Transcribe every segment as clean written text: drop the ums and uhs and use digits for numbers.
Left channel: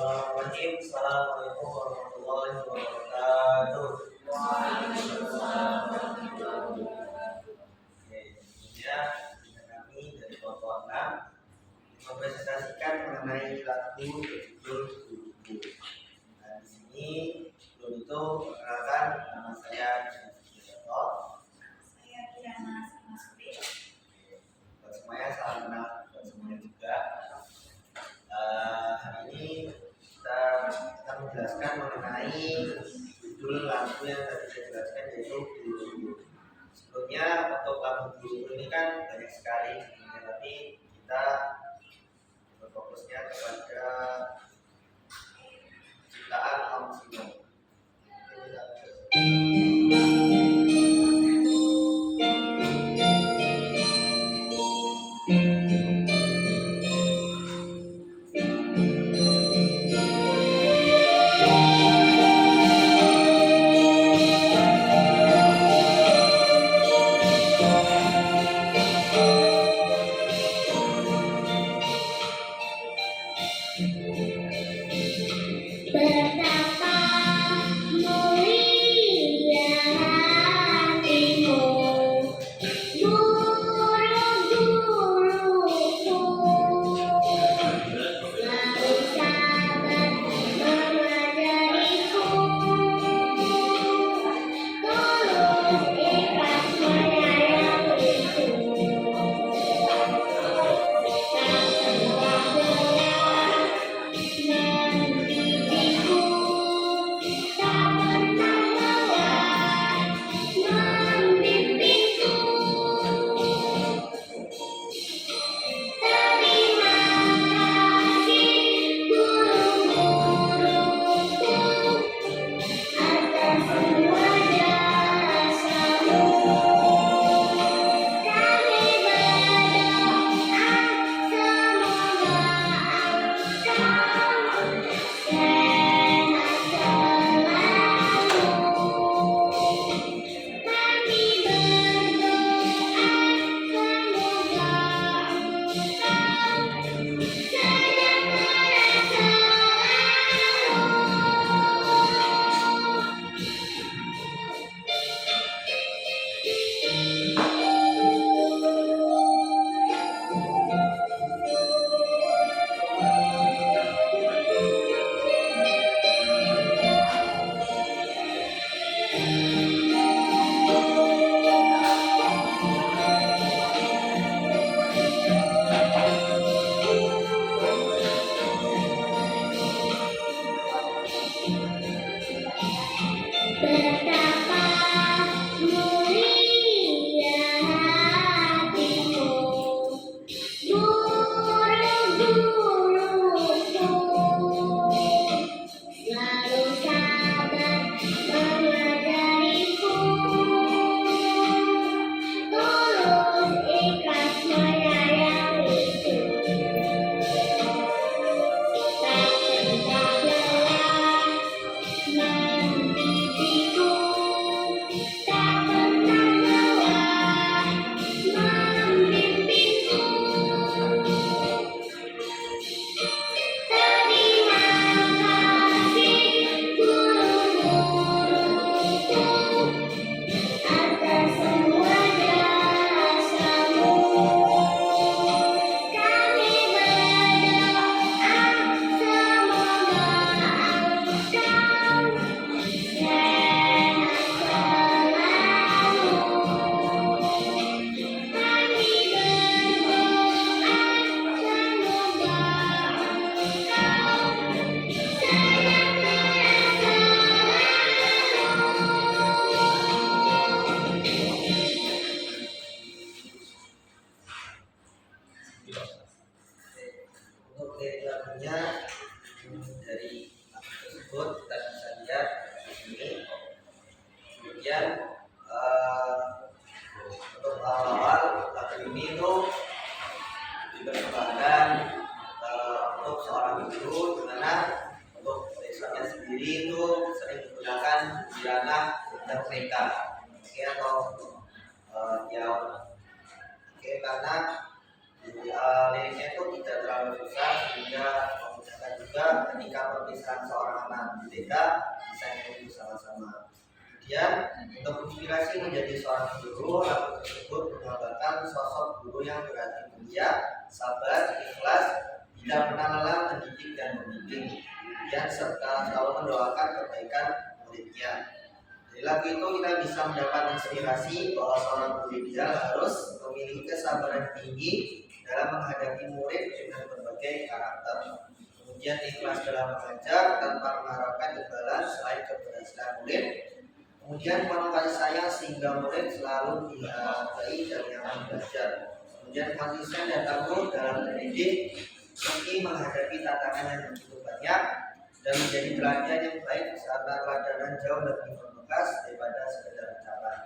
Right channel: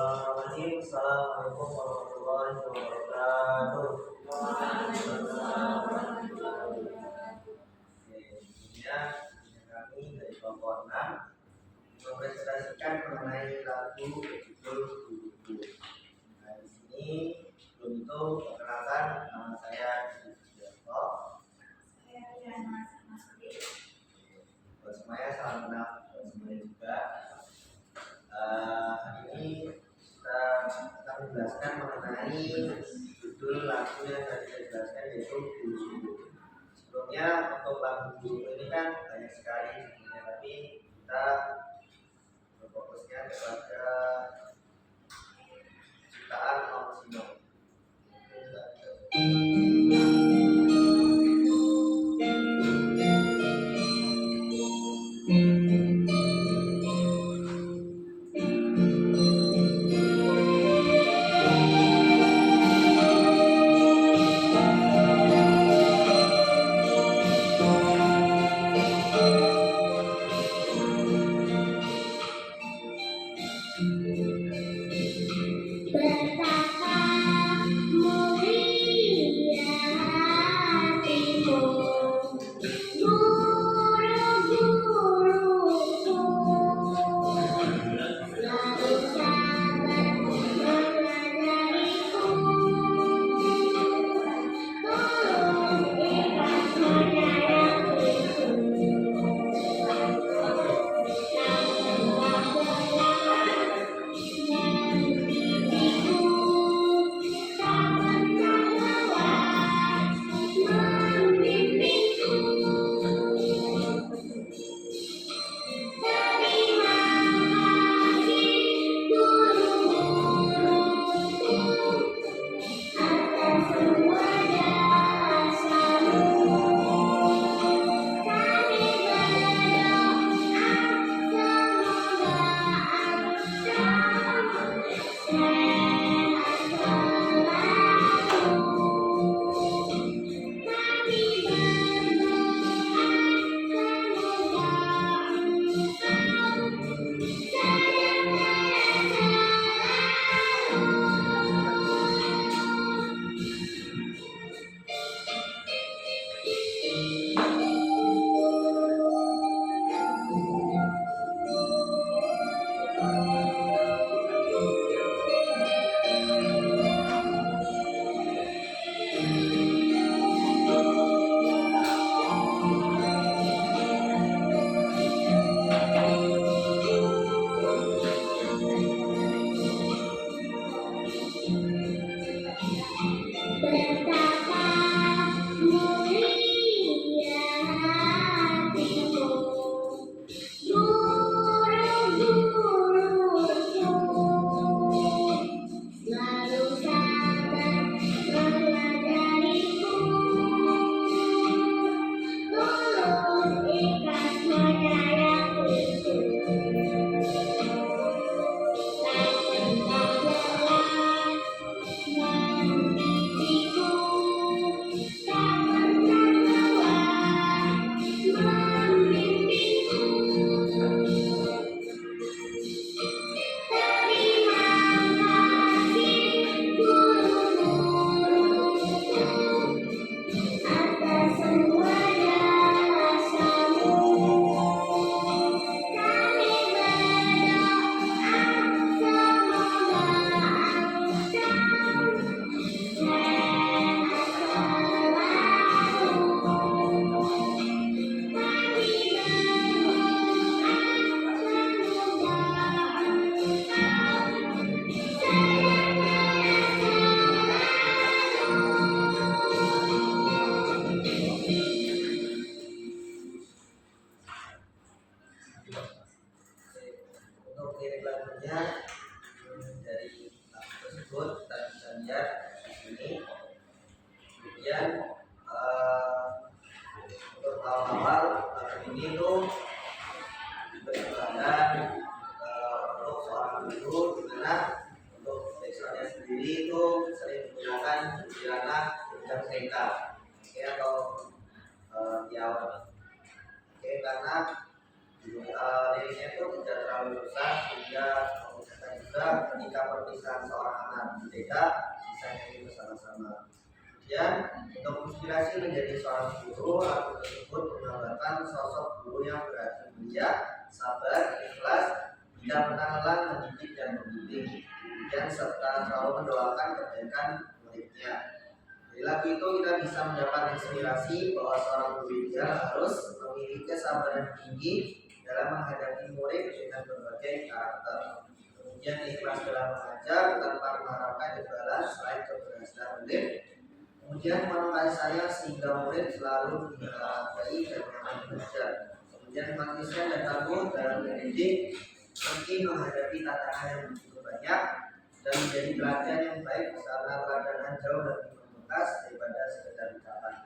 Bismillahirrahmanirrahim. Assalamualaikum warahmatullahi wabarakatuh. Oke, sebelumnya kami dari kelompok 6 mempresentasikan mengenai lagu berjudul Buku. Nah, di sini sebelum itu perkenalkan, nama saya Sugiarto. Saya Kirana Samasuri. Buat semuanya salam kenal buat semuanya juga. Hari ini kita akan menjelaskan mengenai judul lagu yang tadi saya jelaskan, yaitu Guru. Sebelumnya untuk lagu Guru ini kan banyak sekali sebenarnya, tapi kita berfokusnya kepada ciptaan Om Sino. Betapa mulia hatimu, guru-guruku, selalu sabar mengajariku, tulus ikhlas menyayangiku, tak pernah lelah mendidikku, tak pernah lelah membimbingku. Terima kasih guru-guruku atas semua jasamu. Kami berdoa semoga engkau sehat selalu. Kami berdoa semoga engkau sejahtera Betapa mulia hatimu, guru-guruku, selalu sabar mengajariku, tulus ikhlas menyayangiku, tak pernah lelah mendidikku, tak pernah lelah membimbingku. Terima kasih guru-guruku atas semua jasamu. Kami berdoa semoga engkau sehat selalu. Kami berdoa semoga engkau Untuk lirik lagunya dari lagu tersebut kita bisa lihat di sini. Kemudian untuk awal-awal lagu ini tuh dipersembahkan untuk seorang guru, di mana untuk lisannya sendiri itu sering menggunakan Juliana Intermeka, oke, atau Diawan. Oke, karena liriknya itu tidak terlalu susah sehingga memudahkan juga ketika perpisahan seorang anak di TK bisa nyanyi bersama-sama. Kemudian untuk inspirasi menjadi seorang guru, lagu tersebut menggambarkan sosok guru yang berhati mulia, sabar, ikhlas, tidak pernah lelah mendidik dan membimbing, kemudian serta selalu mendoakan kebaikan muridnya. Dari lagu itu kita bisa mendapat inspirasi bahwa seorang guru ideal harus memiliki kesabaran tinggi dalam menghadapi murid dengan berbagai karakter. Kemudian ikhlas dalam mengajar tanpa mengharapkan imbalan selain keberhasilan murid. Kemudian penuh kasih sayang sehingga murid selalu dihargai dan nyaman belajar. Kemudian konsisten dan tangguh dalam mendidik meski menghadapi tantangan yang begitu banyak, dan menjadi teladan yang baik karena teladanan jauh lebih membekas daripada sekedar ucapan.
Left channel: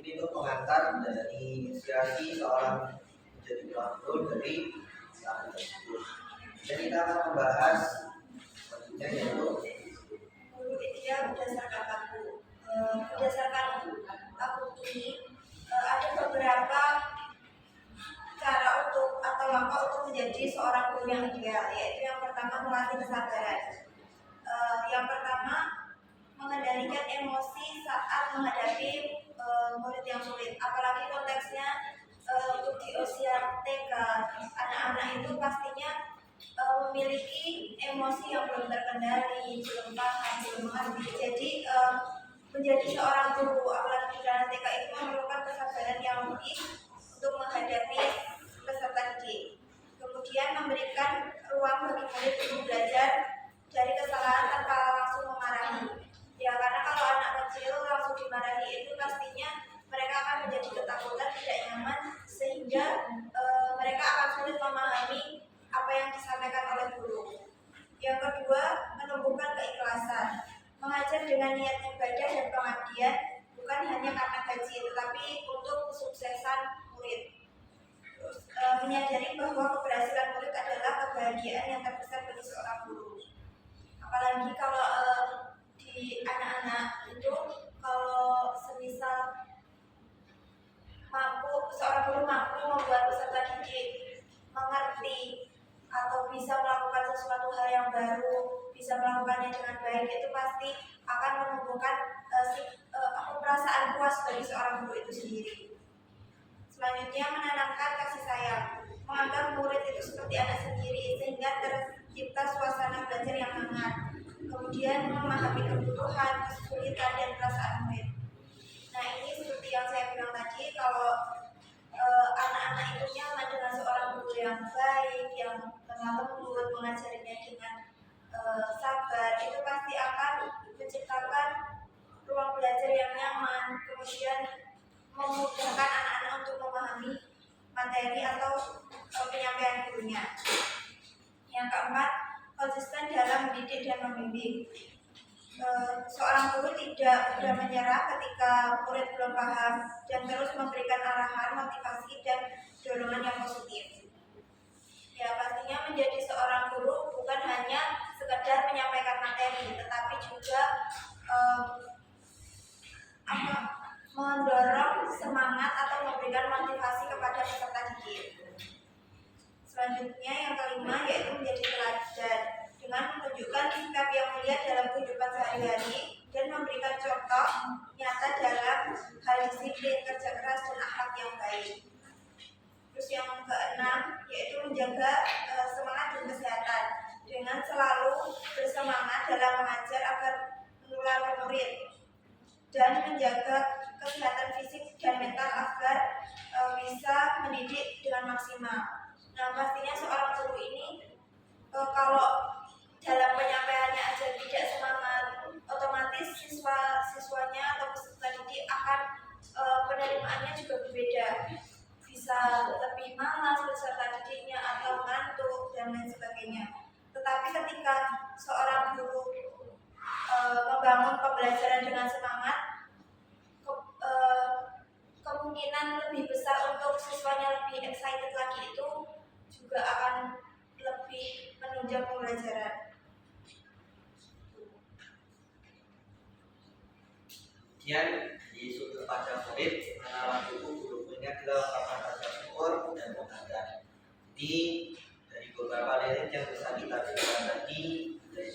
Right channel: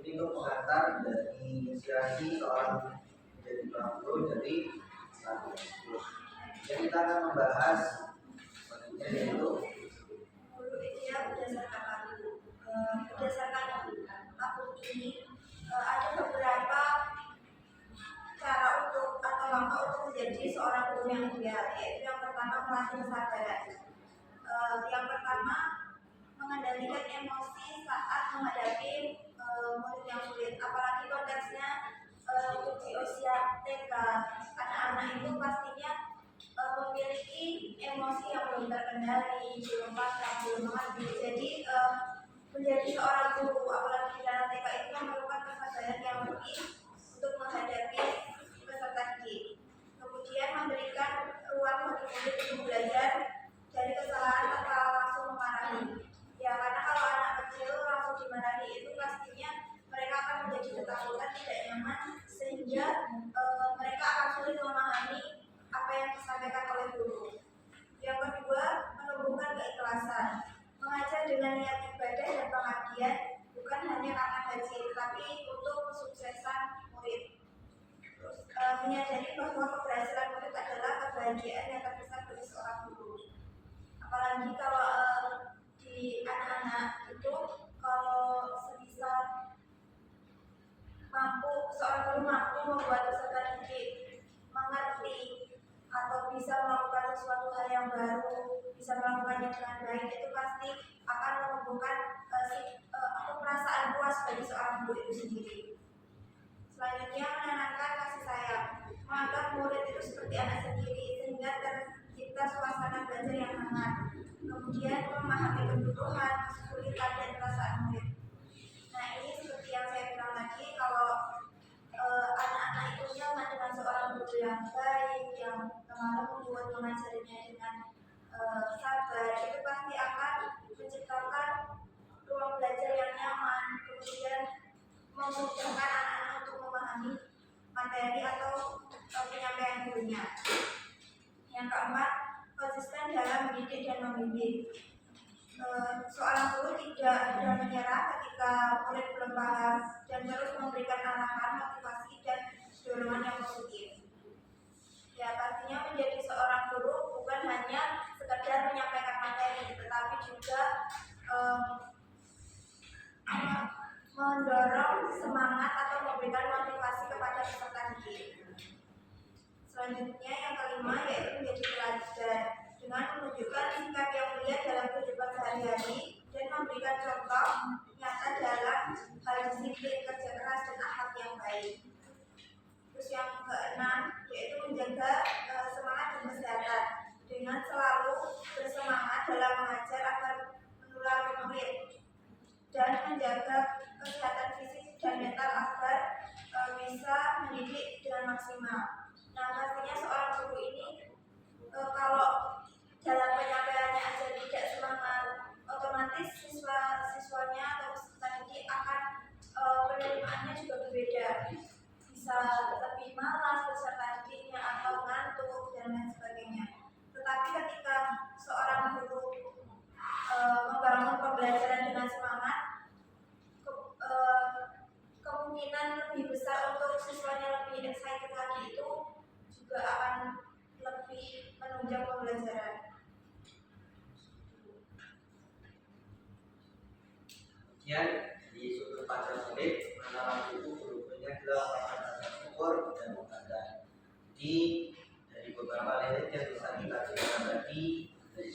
Ini untuk pengantar dari inspirasi seorang menjadi guru dari lagu tersebut. Jadi kita akan membahas selanjutnya yaitu Guru ideal berdasarkan lagu. Berdasarkan lagu ini ada beberapa cara untuk atau langkah untuk menjadi seorang guru yang ideal, yaitu yang pertama melatih kesabaran. Yang pertama mengendalikan emosi saat menghadapi murid yang sulit, apalagi konteksnya untuk di usia TK, anak-anak itu pastinya memiliki emosi yang belum terkendali, belum paham, belum mengerti. Jadi menjadi seorang guru, apalagi di dalam TK itu memerlukan kesabaran yang lebih untuk menghadapi peserta didik. Kemudian memberikan ruang bagi murid untuk belajar dari kesalahan tanpa langsung memarahi. Ya, karena kalau anak kecil langsung dimarahi itu pastinya mereka akan menjadi ketakutan, tidak nyaman, sehingga mereka akan sulit memahami apa yang disampaikan oleh guru. Yang kedua, menumbuhkan keikhlasan. Mengajar dengan niat ibadah dan pengabdian, bukan hanya karena gaji, tetapi untuk kesuksesan murid. Terus, menyadari bahwa keberhasilan murid adalah kebahagiaan yang terbesar bagi seorang guru. Apalagi kalau di anak-anak itu, kalau semisal seorang guru mampu membuat peserta didik mengerti atau bisa melakukan sesuatu hal yang baru, bisa melakukannya dengan baik, itu pasti akan menumbuhkan perasaan puas bagi seorang guru itu sendiri. Selanjutnya, menanamkan kasih sayang, menganggap murid itu seperti anak sendiri sehingga tercipta suasana belajar yang hangat. Kemudian memahami kebutuhan, kesulitan, dan perasaan murid. Nah, ini seperti yang saya bilang tadi, kalau anak-anak itu nyaman dengan seorang guru yang baik, yang lemah lembut, mengajarinya dengan sabar, itu pasti akan menciptakan ruang belajar yang nyaman, kemudian memudahkan anak-anak untuk memahami materi atau penyampaian gurunya. Yang keempat, konsisten dalam mendidik dan membimbing. Seorang guru tidak mudah menyerah ketika murid belum paham dan terus memberikan arahan, motivasi, dan dorongan yang positif. Ya, pastinya menjadi seorang guru bukan hanya sekedar menyampaikan materi, tetapi juga mendorong semangat atau memberikan motivasi kepada peserta didik. Selanjutnya yang kelima yaitu menjadi teladan dengan menunjukkan sikap yang mulia dalam kehidupan sehari-hari dan memberikan contoh nyata dalam hal disiplin, kerja keras, dan akhlak yang baik. Terus yang keenam yaitu menjaga semangat dan kesehatan dengan selalu bersemangat dalam mengajar agar menular ke murid dan menjaga kesehatan fisik dan mental agar bisa mendidik dengan maksimal. Nah, pastinya seorang guru ini kalau dalam penyampaiannya aja tidak semangat, otomatis siswanya atau peserta didik akan penerimaannya juga berbeda. Bisa lebih malas peserta didiknya atau ngantuk dan lain sebagainya. Tetapi ketika seorang guru membangun pembelajaran dengan semangat, kemungkinan lebih besar untuk siswanya lebih excited lagi itu juga akan lebih menunjang pembelajaran. Kemudian di sudut pandang murid, menaruh buku guru-gurunya adalah pakar rasa syukur dan menghargai. Jadi dari beberapa lirik yang bisa kita dengar tadi dari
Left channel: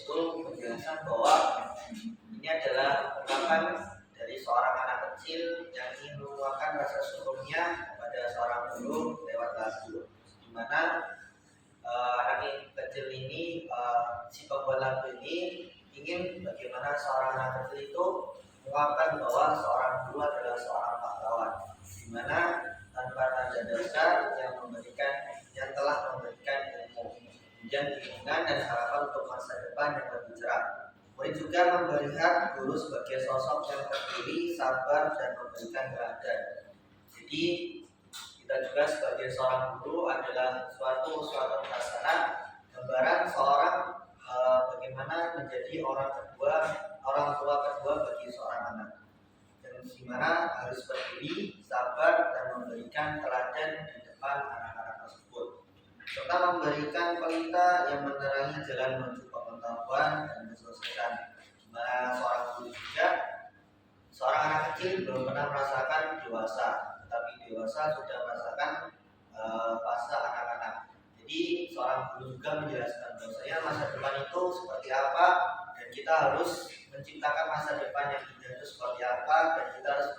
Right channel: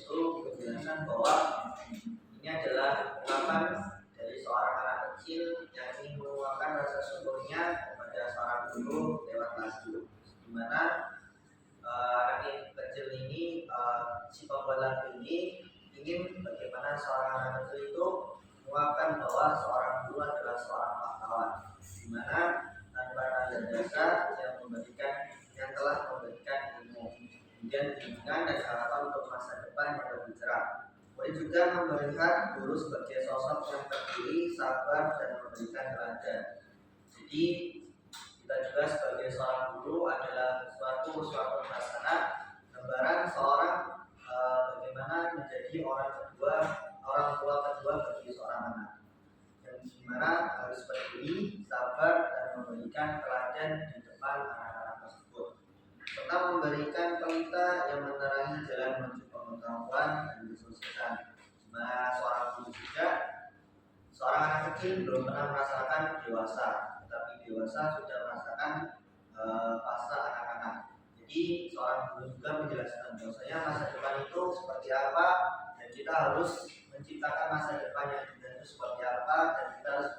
lagu ini ingin bagaimana seorang anak kecil itu menguapkan bahwa seorang guru adalah seorang pahlawan, di mana tanpa tanda dasar yang telah memberikan ilmu, kemudian bimbingan dan harapan untuk masa depan yang lebih cerah. Murid juga melihat guru sebagai sosok yang berdiri, sabar, dan memberikan teladan. Jadi kita juga sebagai seorang guru adalah suatu hasanah, gambaran seorang bagaimana menjadi orang tua kedua bagi seorang anak, yang dimana harus berdiri, sabar, dan memberikan teladan di depan anak-anak tersebut, serta memberikan pelita yang menerangi jalan menuju pengetahuan dan kesuksesan. Dimana seorang guru juga, seorang anak kecil belum pernah merasakan dewasa, tetapi dewasa sudah merasakan fase anak-anak. Jadi seorang guru juga menjelaskan bahwasanya masa depan itu seperti apa, dan kita harus menciptakan masa depan yang indah itu seperti apa, dan kita harus